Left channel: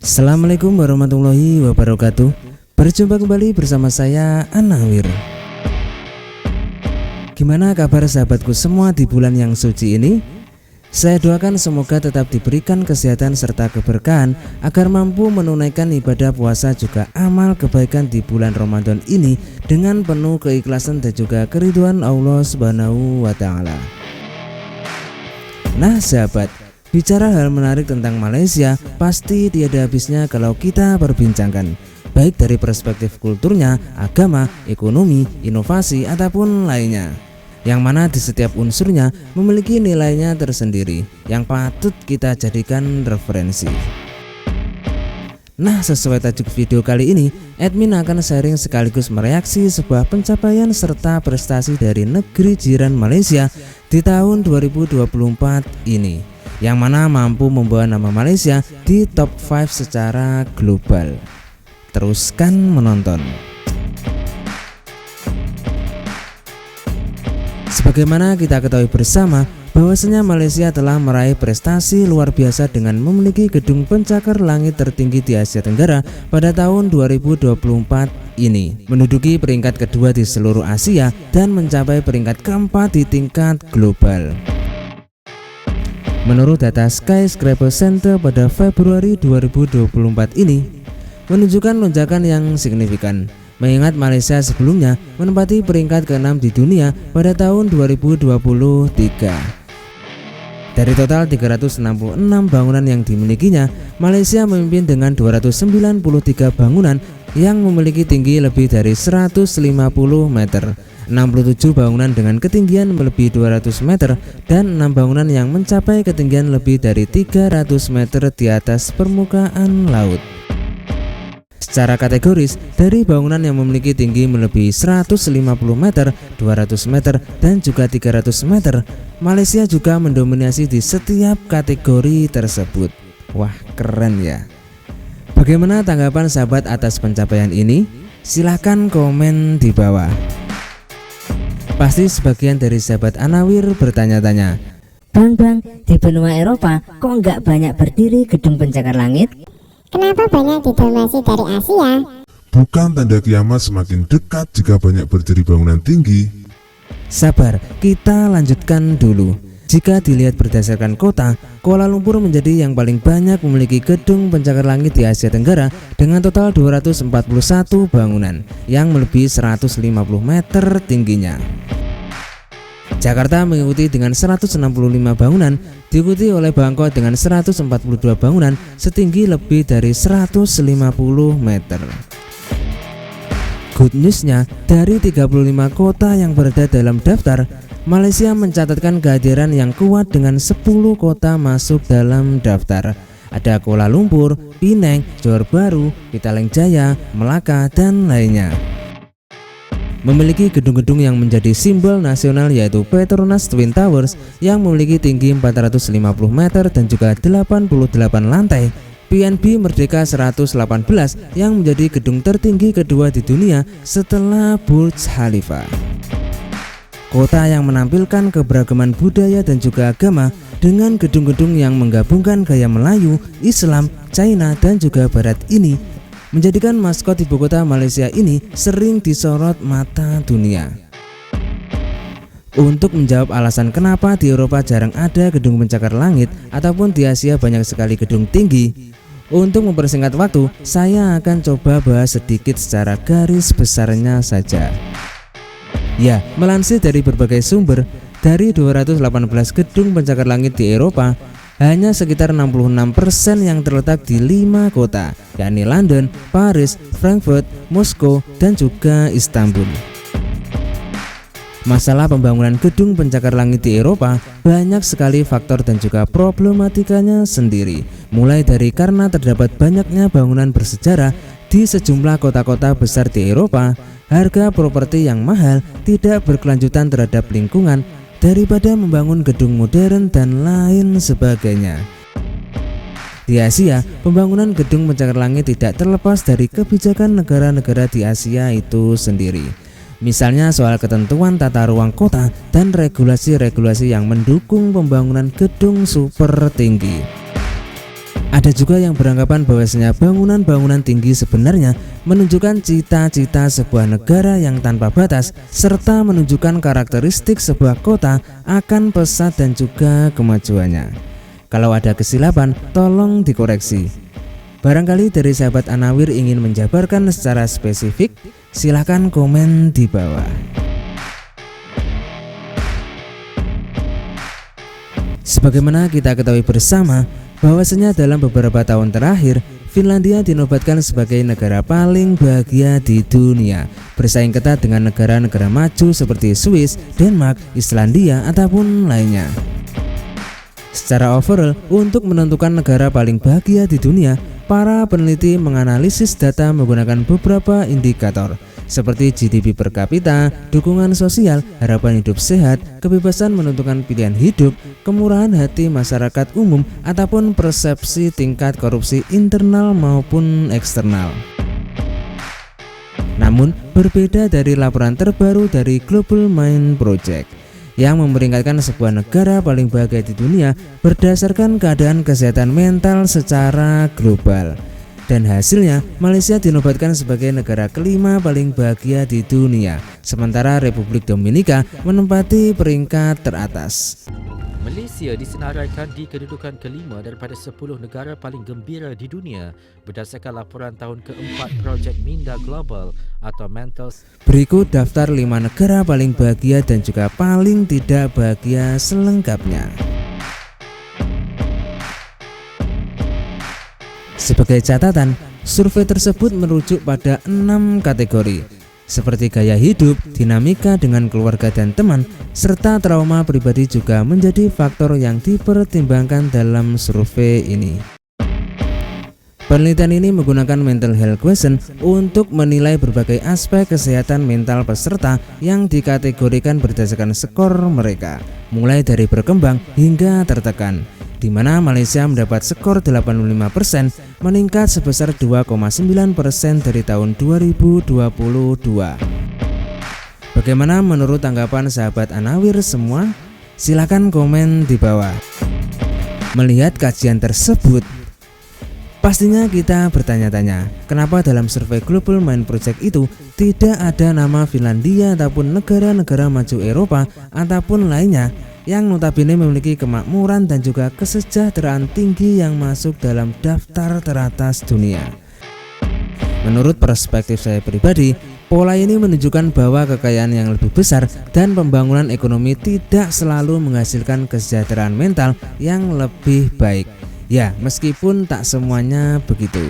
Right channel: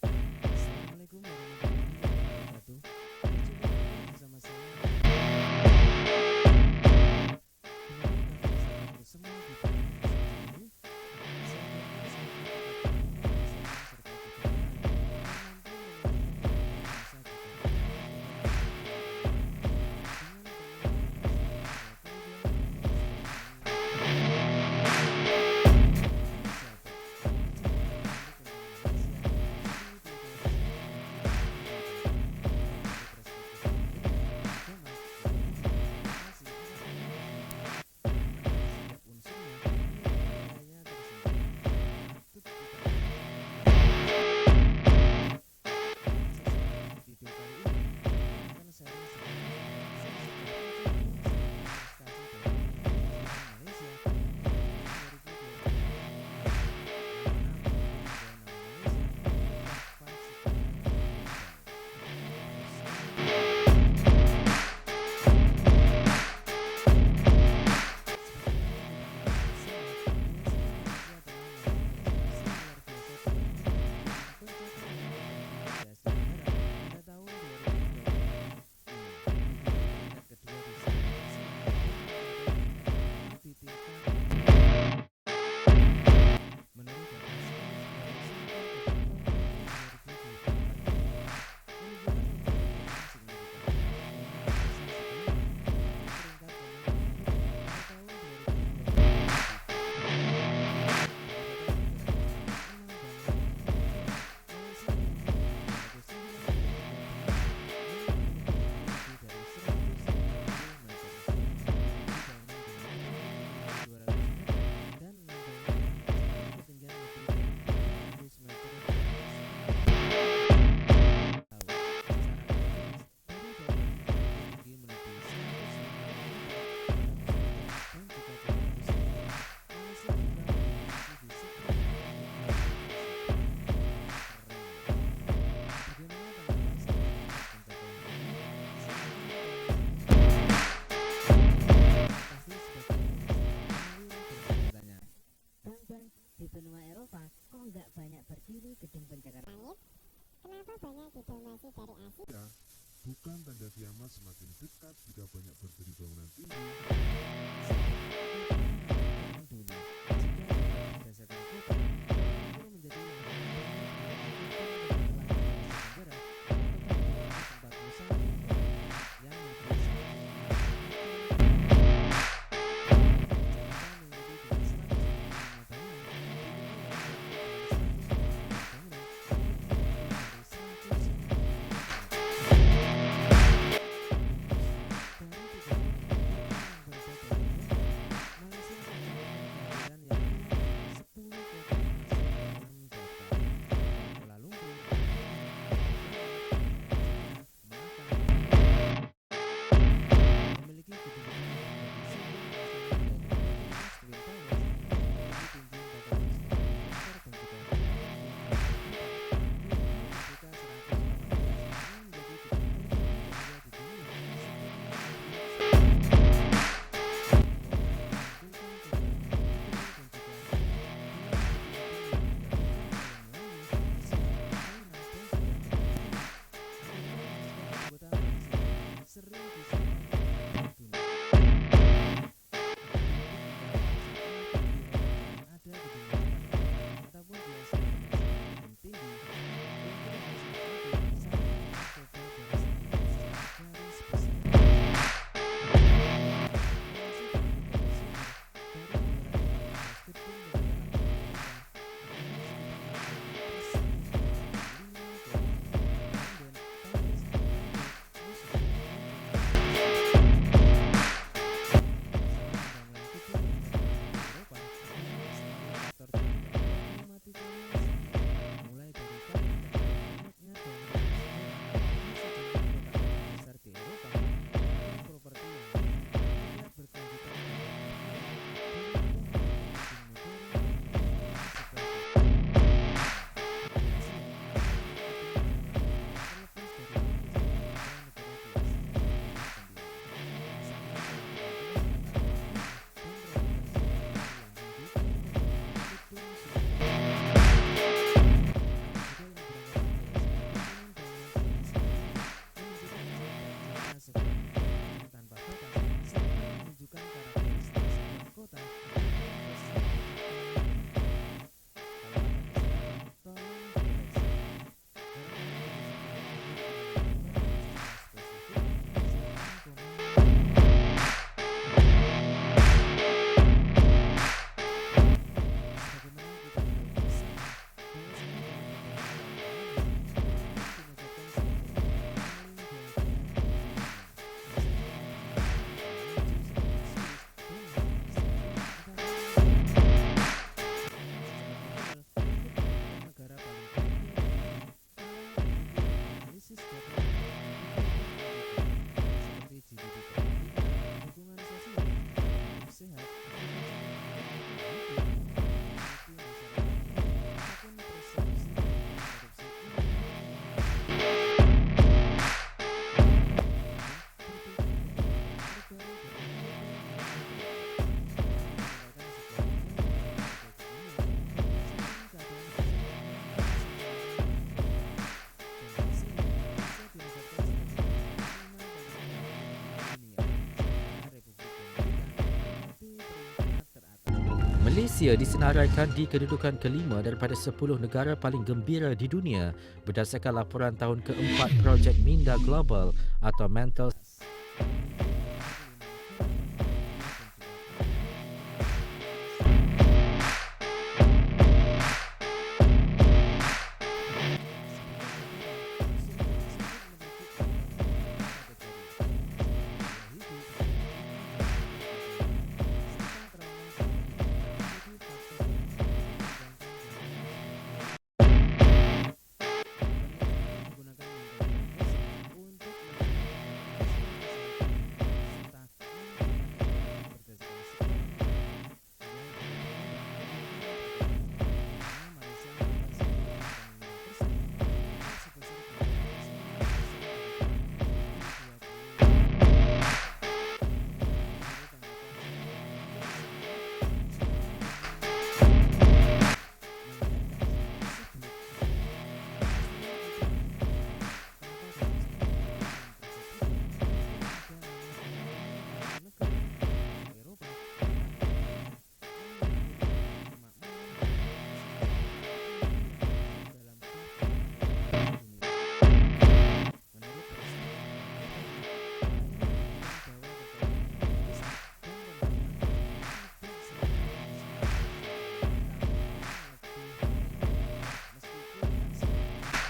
Assalamualaikum warahmatullahi wabarakatuh. Berjumpa kembali bersama saya Anawir. Gimana kabar sahabatku semua di bulan yang suci ini? Saya doakan semoga tetap diberikan kesehatan serta keberkahan agar mampu menunaikan ibadah puasa juga amal kebaikan di bulan Ramadan ini dengan penuh keikhlasan dan juga keridhaan Allah Subhanahu wa taala. Nah sahabat, bicara hal menarik tentang Malaysia pasti tiada habisnya kalau kita perbincangkan, baik dari perspektif kulturnya, agama, ekonomi, inovasi ataupun lainnya, yang mana di setiap unsurnya memiliki nilainya tersendiri yang patut kita jadikan referensi. Nah, sesuai tajuk video kali ini, admin akan sharing sekaligus mereaksi sebuah pencapaian serta prestasi dari negeri jiran Malaysia di tahun 2024 ini, yang mana mampu membawa nama Malaysia di top 5 secara global. Teruskan menonton. Sebagaimana kita ketahui bersama bahwasanya Malaysia telah meraih prestasi luar biasa dengan memiliki gedung pencakar langit tertinggi di Asia Tenggara pada tahun 2024 ini, menduduki peringkat kedua di seluruh Asia dan mencapai peringkat keempat di tingkat global. Menurut data Skyscraper Center pada Februari 2024 ini menunjukkan lonjakan yang signifikan, mengingat Malaysia sebelumnya menempati peringkat ke-6 di dunia pada tahun 2023. Dari total 366 bangunan yang dimilikinya, Malaysia memimpin dengan 293 bangunan yang memiliki tinggi lebih dari 150 meter, 67 bangunan dengan ketinggian melebihi 200 meter, dan 6 bangunan yang mencapai ketinggian lebih dari 300 meter di atas permukaan laut. Secara kategoris, dari bangunan yang memiliki tinggi melebihi 150 meter, 200 meter, dan juga 300 meter, Malaysia juga mendominasi di setiap kategori tersebut. Wah, keren ya. Bagaimana tanggapan sahabat atas pencapaian ini? Silahkan komen di bawah. Pasti sebagian dari sahabat Anawir bertanya-tanya, Bang, di benua Eropa kok nggak banyak berdiri gedung pencakar langit? Kenapa banyak didominasi dari Asia? Bukan tanda kiamat semakin dekat jika banyak berdiri bangunan tinggi? sabar, kita lanjutkan dulu. Jika dilihat berdasarkan kota, Kuala Lumpur menjadi yang paling banyak memiliki gedung pencakar langit di Asia Tenggara dengan total 241 bangunan yang melebihi 150 meter tingginya. Jakarta mengikuti dengan 165 bangunan, diikuti oleh Bangkok dengan 142 bangunan setinggi lebih dari 150 meter. Good newsnya, dari 35 kota yang berada dalam daftar, Malaysia mencatatkan kehadiran yang kuat dengan 10 kota masuk dalam daftar. Ada Kuala Lumpur, Penang, Johor Bahru, Petaling Jaya, Melaka, dan lainnya. Memiliki gedung-gedung yang menjadi simbol nasional yaitu Petronas Twin Towers yang memiliki tinggi 450 meter dan juga 88 lantai, PNB Merdeka 118 yang menjadi gedung tertinggi kedua di dunia setelah Burj Khalifa. Kota yang menampilkan keberagaman budaya dan juga agama dengan gedung-gedung yang menggabungkan gaya Melayu, Islam, China, dan juga Barat ini menjadikan maskot ibu kota Malaysia ini sering disorot mata dunia. Untuk menjawab alasan kenapa di Eropa jarang ada gedung pencakar langit ataupun di Asia banyak sekali gedung tinggi, untuk mempersingkat waktu, saya akan coba bahas sedikit secara garis besarnya saja. Ya, melansir dari berbagai sumber, dari 218 gedung pencakar langit di Eropa, hanya sekitar 66% yang terletak di 5 kota, yakni London, Paris, Frankfurt, Moskow, dan juga Istanbul. Masalah pembangunan gedung pencakar langit di Eropa banyak sekali faktor dan juga problematikanya sendiri, mulai dari karena terdapat banyaknya bangunan bersejarah di sejumlah kota-kota besar di Eropa, harga properti yang mahal, tidak berkelanjutan terhadap lingkungan, daripada membangun gedung modern dan lain sebagainya. Di Asia, pembangunan gedung pencakar langit tidak terlepas dari kebijakan negara-negara di Asia itu sendiri. Misalnya soal ketentuan tata ruang kota dan regulasi-regulasi yang mendukung pembangunan gedung super tinggi. Ada juga yang beranggapan bahwasanya bangunan-bangunan tinggi sebenarnya menunjukkan cita-cita sebuah negara yang tanpa batas serta menunjukkan karakteristik sebuah kota akan pesat dan juga kemajuannya. Kalau ada kesilapan, tolong dikoreksi. Barangkali dari sahabat Anawir ingin menjabarkan secara spesifik, silahkan komen di bawah. Sebagaimana kita ketahui bersama, bahwasanya dalam beberapa tahun terakhir, Finlandia dinobatkan sebagai negara paling bahagia di dunia, bersaing ketat dengan negara-negara maju seperti Swiss, Denmark, Islandia, ataupun lainnya. Secara overall, untuk menentukan negara paling bahagia di dunia, para peneliti menganalisis data menggunakan beberapa indikator seperti GDP per kapita, dukungan sosial, harapan hidup sehat, kebebasan menentukan pilihan hidup, kemurahan hati masyarakat umum, ataupun persepsi tingkat korupsi internal maupun eksternal. Namun, berbeda dari laporan terbaru dari Global Mind Project yang memperingkatkan sebuah negara paling bahagia di dunia berdasarkan keadaan kesehatan mental secara global. Dan hasilnya, Malaysia dinobatkan sebagai negara kelima paling bahagia di dunia, sementara Republik Dominika menempati peringkat teratas. Malaysia disenaraikan di kedudukan kelima daripada 10 negara paling gembira di dunia berdasarkan laporan tahun keempat Projek Minda Global atau Mental. Berikut daftar 5 negara paling bahagia dan juga paling tidak bahagia selengkapnya. Sebagai catatan, survei tersebut merujuk pada 6 kategori, seperti gaya hidup, dinamika dengan keluarga dan teman, serta trauma pribadi juga menjadi faktor yang dipertimbangkan dalam survei ini. Penelitian ini menggunakan mental health question untuk menilai berbagai aspek kesehatan mental peserta yang dikategorikan berdasarkan skor mereka, mulai dari berkembang hingga tertekan, di mana Malaysia mendapat skor 85%, meningkat sebesar 2,9% dari tahun 2022. Bagaimana menurut tanggapan sahabat Anawir semua? Silahkan komen di bawah. Melihat kajian tersebut, pastinya kita bertanya-tanya, kenapa dalam survei Global Mind Project itu tidak ada nama Finlandia ataupun negara-negara maju Eropa ataupun lainnya yang notabene memiliki kemakmuran dan juga kesejahteraan tinggi yang masuk dalam daftar teratas dunia. Menurut perspektif saya pribadi, pola ini menunjukkan bahwa kekayaan yang lebih besar dan pembangunan ekonomi tidak selalu menghasilkan kesejahteraan mental yang lebih baik. Ya, meskipun tak semuanya begitu.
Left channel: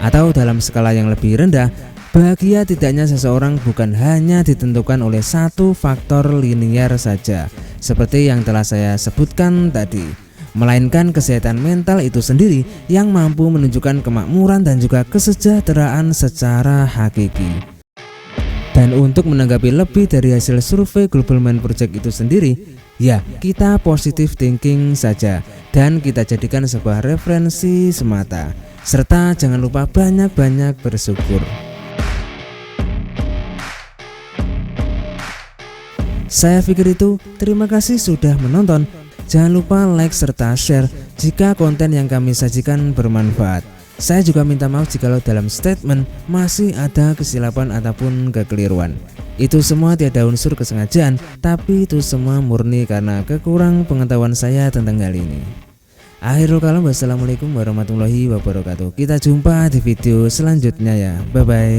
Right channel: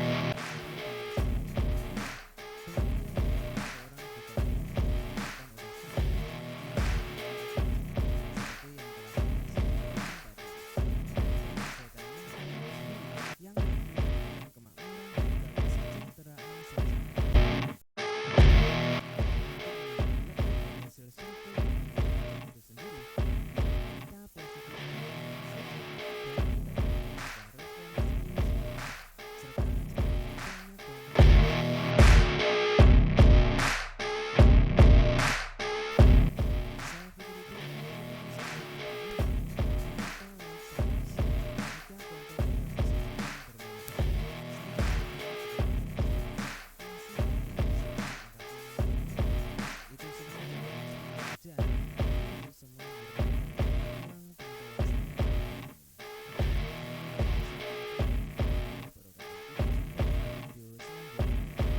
Atau dalam skala yang lebih rendah, bahagia tidaknya seseorang bukan hanya ditentukan oleh satu faktor linier saja, seperti yang telah saya sebutkan tadi, melainkan kesehatan mental itu sendiri yang mampu menunjukkan kemakmuran dan juga kesejahteraan secara hakiki. Dan untuk menanggapi lebih dari hasil survei Global Mind Project itu sendiri, ya kita positive thinking saja dan kita jadikan sebuah referensi semata, serta jangan lupa banyak-banyak bersyukur. Saya pikir itu, terima kasih sudah menonton. Jangan lupa like serta share jika konten yang kami sajikan bermanfaat. Saya juga minta maaf jikalau dalam statement masih ada kesilapan ataupun kekeliruan. Itu semua tiada unsur kesengajaan, tapi itu semua murni karena kekurang pengetahuan saya tentang hal ini. Akhirul kalam, wassalamualaikum warahmatullahi wabarakatuh. Kita jumpa di video selanjutnya ya. Bye bye.